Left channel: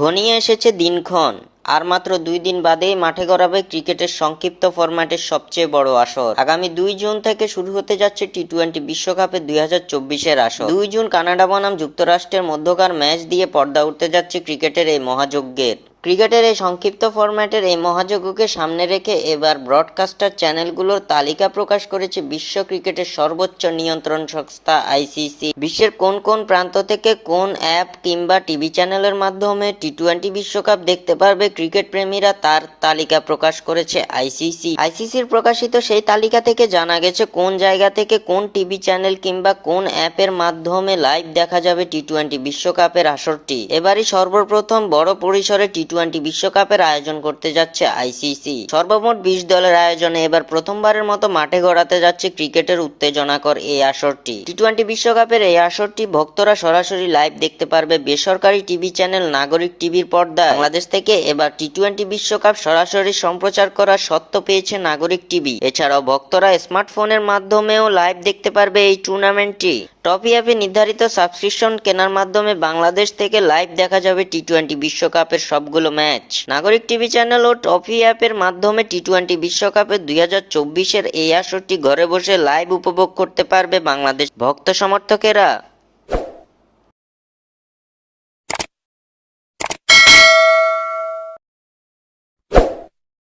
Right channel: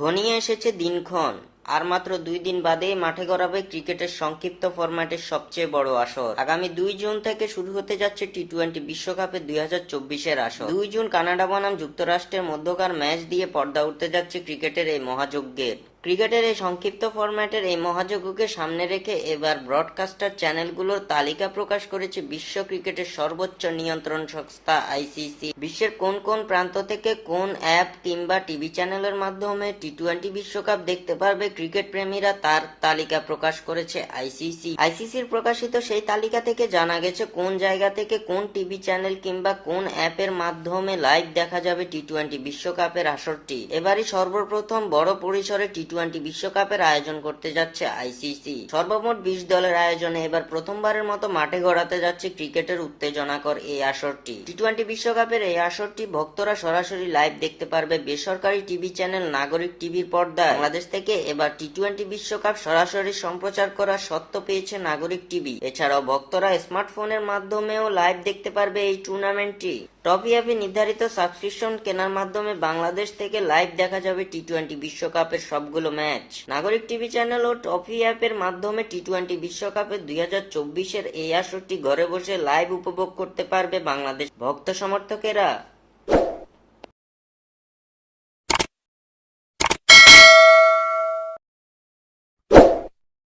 ঘনিয়ে এসেছে দিনক্ষণ। আর মাত্র 2 দিন বাদেই মাঠে গড়াবে ক্রিকেটের সংক্ষিপ্ত ফরম্যাটের সবচেয়ে বড় আসর। আগামী 2 জুন থেকে শুরু হতে যাচ্ছে টি-20 বিশ্বকাপের 2024-এর আসর। 2 জুন কানাডা বনাম যুক্তরাষ্ট্রের মধ্যকার ম্যাচ দিয়ে পর্দা উঠতে যাচ্ছে ক্রিকেটের এই মহাযজ্ঞের। ক্রিকেটের এই সংক্ষিপ্ত ফরম্যাটের এই মহাযজ্ঞকে সামনে রেখে এবার ব্রডকাস্টার চ্যানেলগুলোর তালিকা প্রকাশ করেছে বিশ্ব ক্রিকেটের সর্বোচ্চ নিয়ন্ত্রণ সংস্থা আইসিসি। বিশ্বের কোন কোন প্রান্ত থেকে কোন অ্যাপ কিংবা টিভি চ্যানেলের মাধ্যমে টি-20 বিশ্বকাপ দেখতে পারবে ক্রিকেট প্রেমীরা, তার তালিকা প্রকাশ করেছে আইসিসি। আইসিসির প্রকাশিত সেই তালিকা থেকে জানা গেছে কোন জায়গা থেকে কোন টিভি চ্যানেল কিংবা কোন অ্যাপের মাধ্যমে লাইভ দেখা যাবে টি-20 বিশ্বকাপের আসরটি। এবারই সর্বপ্রথম বড় পরিসরে টি-20 বিশ্বকাপের আয়োজন করতে যাচ্ছে আইসিসি। সর্বমোট 20 দলের আয়োজনে এবার প্রথমবারের মতো মাঠে গড়াতে যাচ্ছে ক্রিকেটের উত্তেজনাকর এই আসরটি। টি-20 বিশ্বকাপের এই আসরটি ভক্তরা সরাসরি লাইভ দেখতে পারবে বেসরকারি টিভি চ্যানেল নাগরিক টিভির পর্দায়। বাংলাদেশ থেকে এবার টি-20 বিশ্বকাপ সরাসরি সম্প্রচার করার সত্ত্ব পেয়েছে নাগরিক টিভি। এছাড়াও ভক্তরা স্মার্টফোনের মাধ্যমেও লাইভ দেখতে পারবে এই টুর্নামেন্টটি। টপি অ্যাপে নির্ধারিত সাবস্ক্রিপশন কেনার মাধ্যমে বাংলাদেশ থেকে লাইভ দেখা যাবে টি-20 বিশ্বকাপের সবগুলো ম্যাচ। নাগরিক টিভি চ্যানেল ও টপি অ্যাপের মাধ্যমে টি-20 বিশ্বকাপের 2024-এর এই আসরটি ঘরে বসে লাইভ উপভোগ করতে পারবে বাংলাদেশ ভক্ত সমর্থকেরা।